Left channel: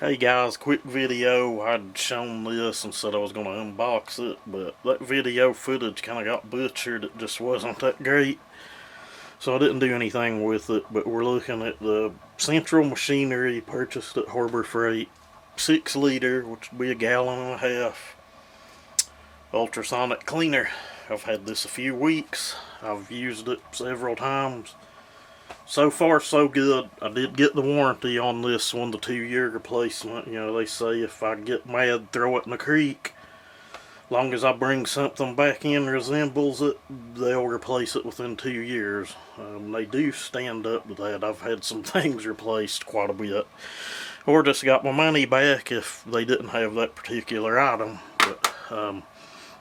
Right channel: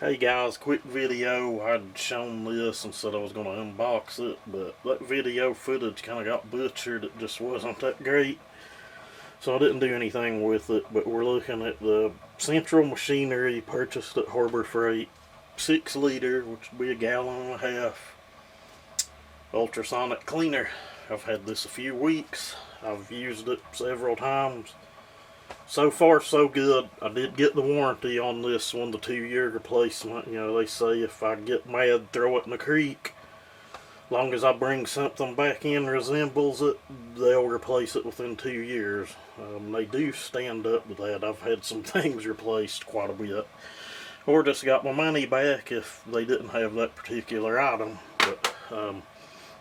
Hey guys, quick video. I'd shown this and said I was going to unbox it, but that video footage kind of got butchered. It just wasn't that great, so I didn't do anything with it. But we're looking at the central machinery purchased at Harbor Freight, 6 liter, which would be a gallon and a half, Ultrasonic Cleaner. I've had this a few weeks. I've used it several times. So far, so good. I did get the warranty on this one, the 2-year replacement. You know, they say if I get mad, throw it in the creek. Long as I bring something back in resembles it, they'll replace it within 2 years. They do stand up to that. I've had some things replaced quite a bit. Or just got my money back if they didn't have that particular item. But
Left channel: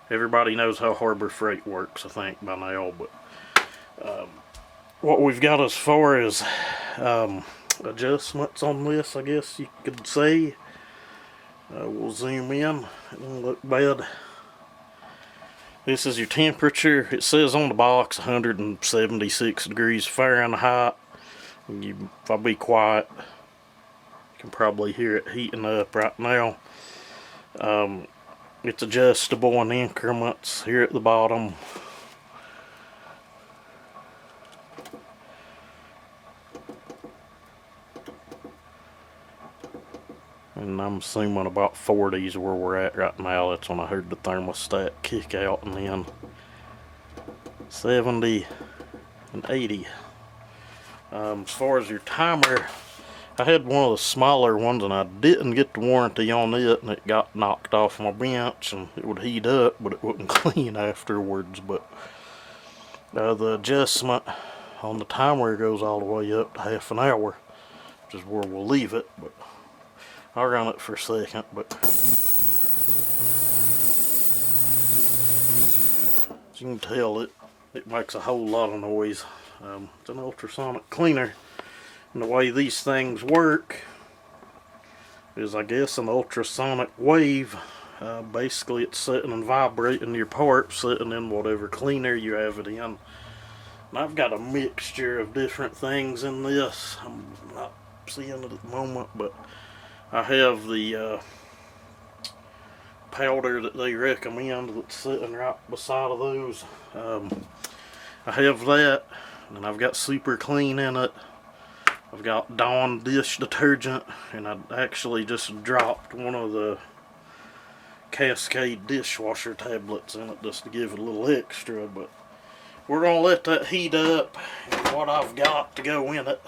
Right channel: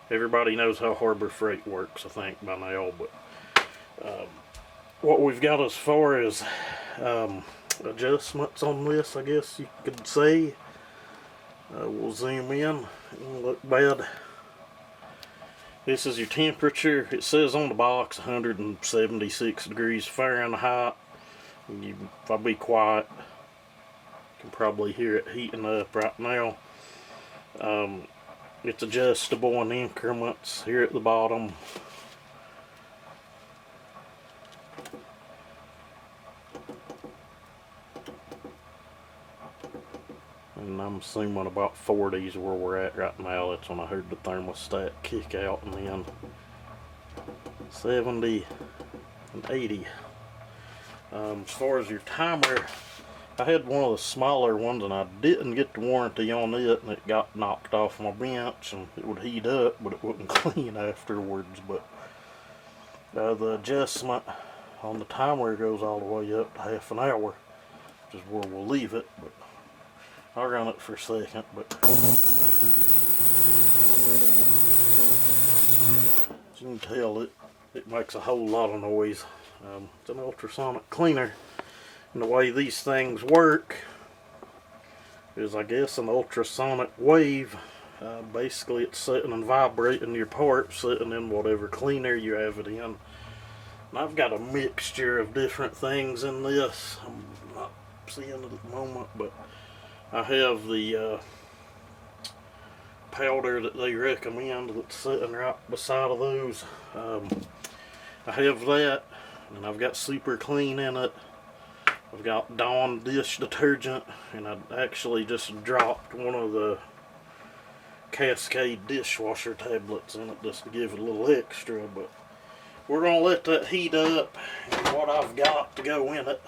everybody knows how Harbor Freight works, I think, by now. But what we've got as far as adjustments on this, I guess you could say. We'll zoom in. It won't look bad. This is your temperature. It says on the box 176 degrees Fahrenheit. If I be quiet, you can probably hear it heating up right now. It's adjustable in increments here at the bottom. And I'm assuming about 40 is where we're at right now. That's when I heard the thermostat kick out, and then 70 and 80. As far as your timer, I had one of the smaller ones and I didn't get the warranty on it, and it got knocked off my bench and it would heat up, but it wouldn't clean afterwards. But the adjustment on the timer goes all the way up to half an hour, which is where we'll leave it. But I'll run it for a second. But as you can tell, it makes a whole lot of noise. It's an ultrasonic cleaner, and the way these things work is, I guess, an ultrasonic wave. Basically, it's sitting and vibrating your parts, sitting in whatever cleaner you have it in. And I've got a mixture of different things in this. I'm not seeing it at the moment, but I have the powder that they recommend that's sitting right beside of those. I have that, and I've got Super Clean in it. I've got Dawn dish detergent, and I actually just dropped one of the Cascade dishwasher tablets in it just to give it a little extra. But we're going to let that heat up, and what I've got to go in it.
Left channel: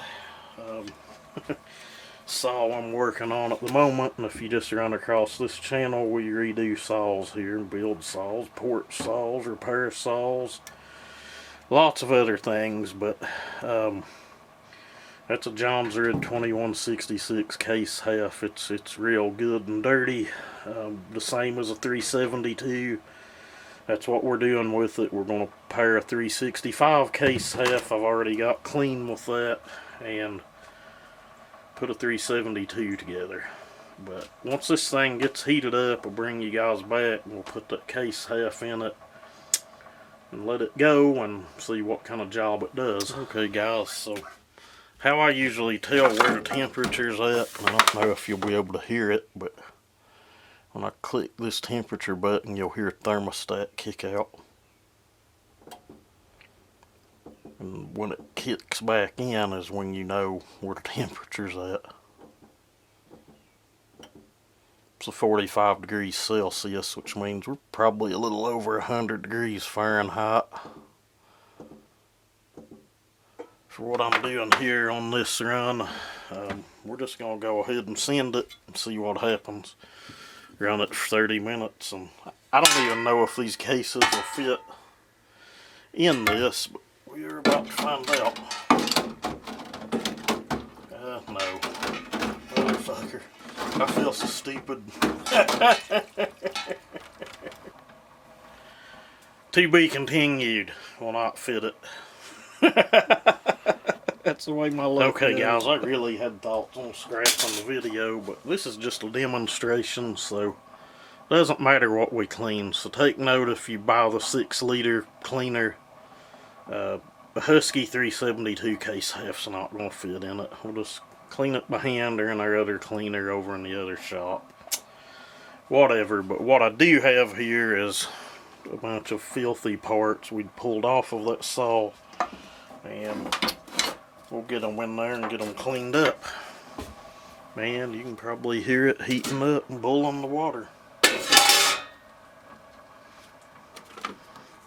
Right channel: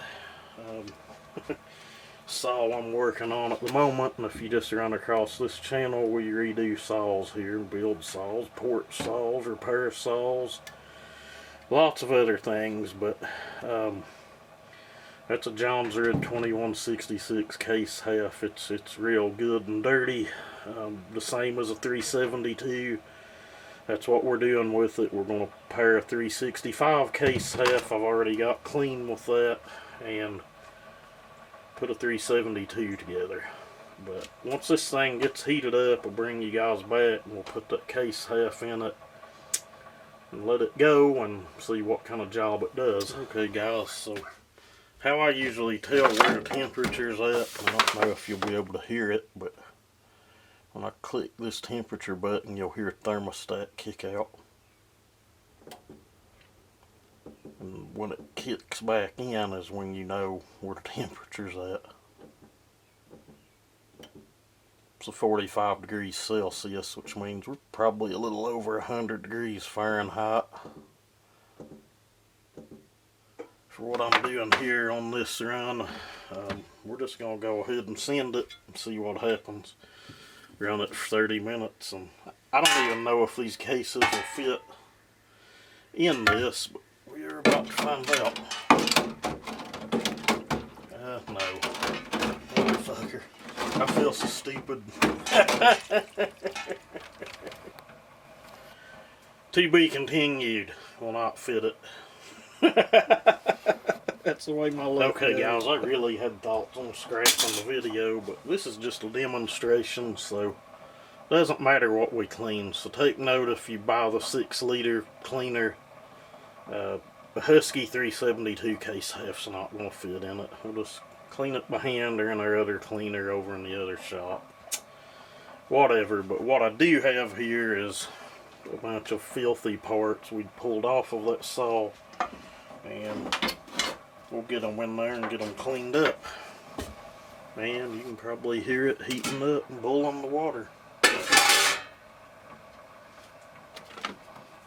Saw I'm working on at the moment, and if you just run across this channel, we redo saws here, build saws, porch saws, repair saws, lots of other things. But that's a John's Red 2166 case half. It's real good and dirty, the same as a 372. That's what we're doing with it. We're going to pair a 365 case half. I've already got clean with that, and put a 372 together. But once this thing gets heated up, I'll bring you guys back and we'll put that case half in it and let it go and see what kind of job it does. Okay guys, so how I usually tell where the temperature's at, I don't know if you'll be able to hear it, but when I click this temperature button, you'll hear a thermostat kick out. And when it kicks back in is when you know where the temperature's at. It's a 45 degrees Celsius, which means we're probably a little over 100 degrees Fahrenheit. For what I'm doing here on this run, we're just going to go ahead and send it and see what happens. Run it for 30 minutes, and I don't even know if these cases will fit in this, but we're about to find out. No. Motherfucker. I feel so stupid. To be continued. Will not fit it. That's the way my luck goes. Guys, I really had thoughts on scrapping the video, but this is just a demonstration, so it doesn't matter what we clean. So take note, if you buy the 6-liter cleaner, the Husky 372 case half's not going to fit in it. We'll just clean it by hand or in our other cleaner over in the other shop. Whatever, but what I do have here is a bunch of filthy parts we pulled off of that saw, and we'll get them in there and get them cleaned up. Man, you can probably hear it heating up and boiling the water.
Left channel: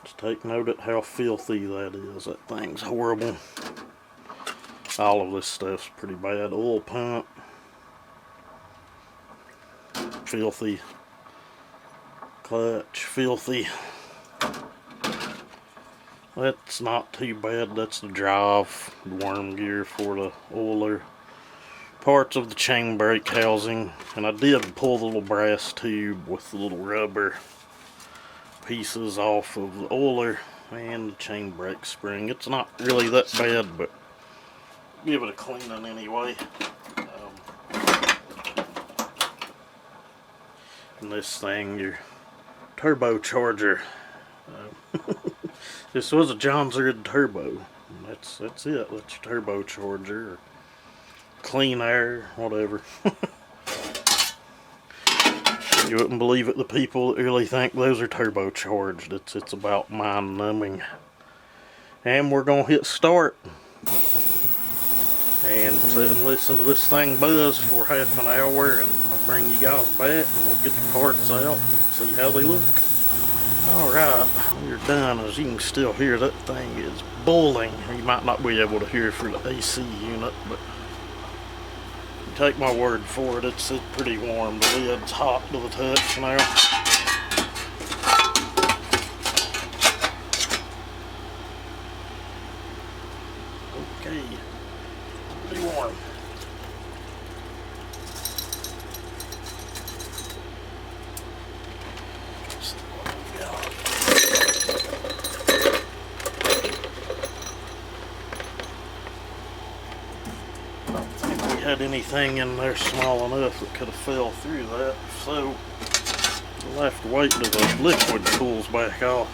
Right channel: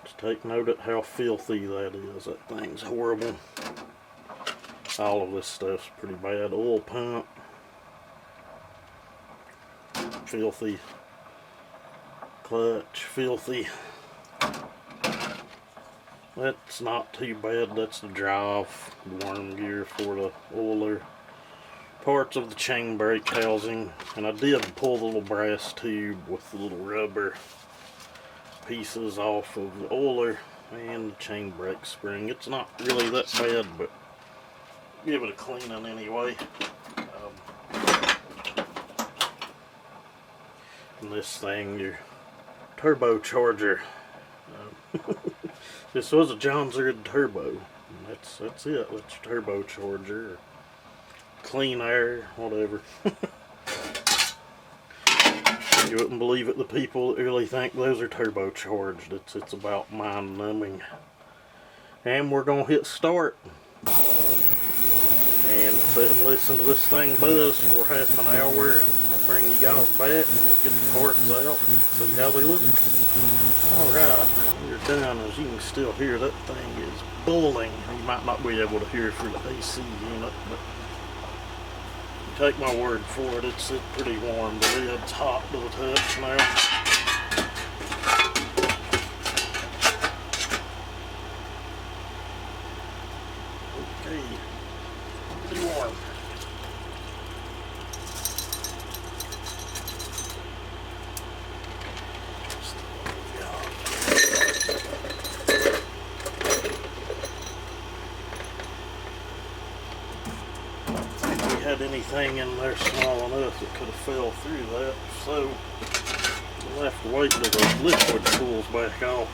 Just take note of how filthy that is. That thing's horrible. All of this stuff's pretty bad. Oil pump, filthy. Clutch, filthy. That's not too bad. That's the drive, the worm gear for the oiler. Parts of the chain brake housing, and I did pull the little brass tube with the little rubber pieces off of the oiler and the chain brake spring. It's not really that bad, but give it a cleaning anyway. And this thing, your turbocharger. This was a John Zerd turbo. That's it. That's your turbocharger. Or clean air, whatever. You wouldn't believe it, the people that really think those are turbocharged. It's about mind numbing. And we're gonna hit start and sit and listen to this thing buzz for half an hour, and I'll bring you guys back and we'll get the parts out and see how they look. Alright, when you're done, as you can still hear, that thing is boiling. You might not be able to hear it through the AC unit, but take my word for it, it's pretty warm. The lid's hot to the touch now. Okay, pretty warm. Had anything in there small enough that could have fell through that, so we'll have to wait till the liquid cools back off.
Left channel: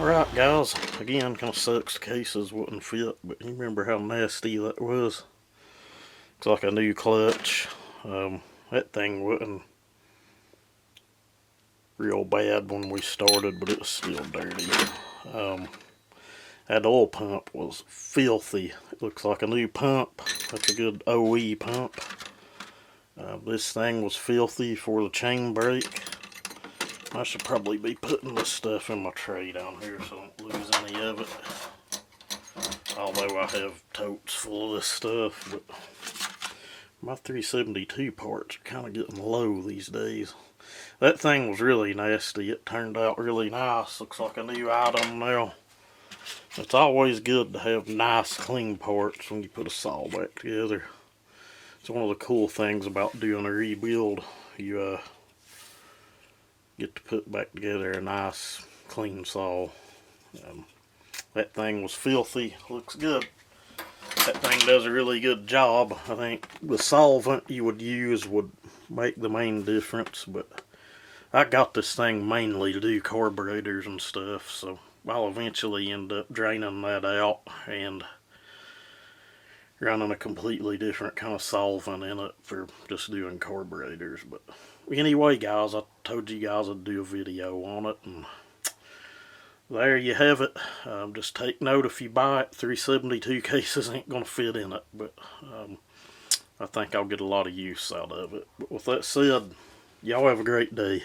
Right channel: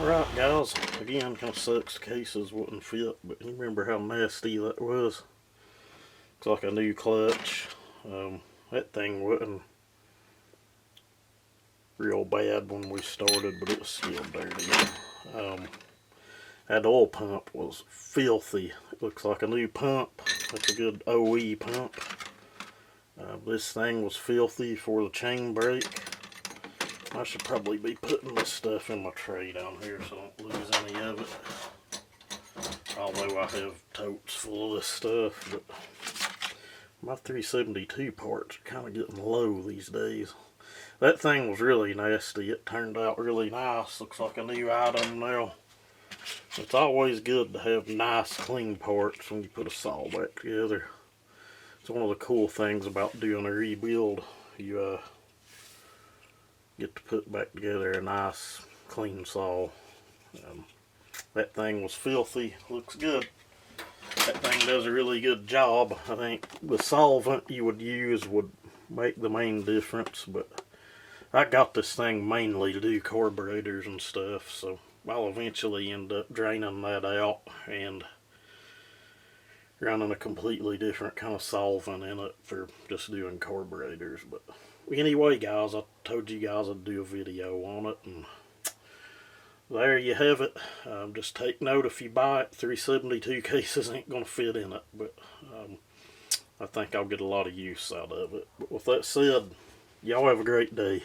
Alright guys, again, kind of sucks the cases wouldn't fit, but you remember how nasty that was? It's like a new clutch. That thing wasn't real bad when we started, but it was still dirty. That oil pump was filthy. It looks like a new pump. That's a good OE pump. This thing was filthy for the chain brake. I should probably be putting this stuff in my tray down here so I don't lose any of it. Although I have totes full of this stuff, but my 372 parts are kind of getting low these days. That thing was really nasty. It turned out really nice. Looks like a new item now. It's always good to have nice, clean parts when you put a saw back together. It's one of the cool things about doing a rebuild. You get to put back together a nice, clean saw. That thing was filthy. Looks good. That thing does a really good job. I think the solvent you would use would make the main difference, but I got this thing mainly to do carburetors and stuff, so I'll eventually end up draining that out and running a completely different kind of solvent in it for just doing carburetors. But anyway guys, I told you guys I'd do a video on it, and there you have it. Just take note, if you buy it, 372 cases ain't gonna fit in it, but I think I'll get a lot of use out of it. But with that said, y'all have a great day.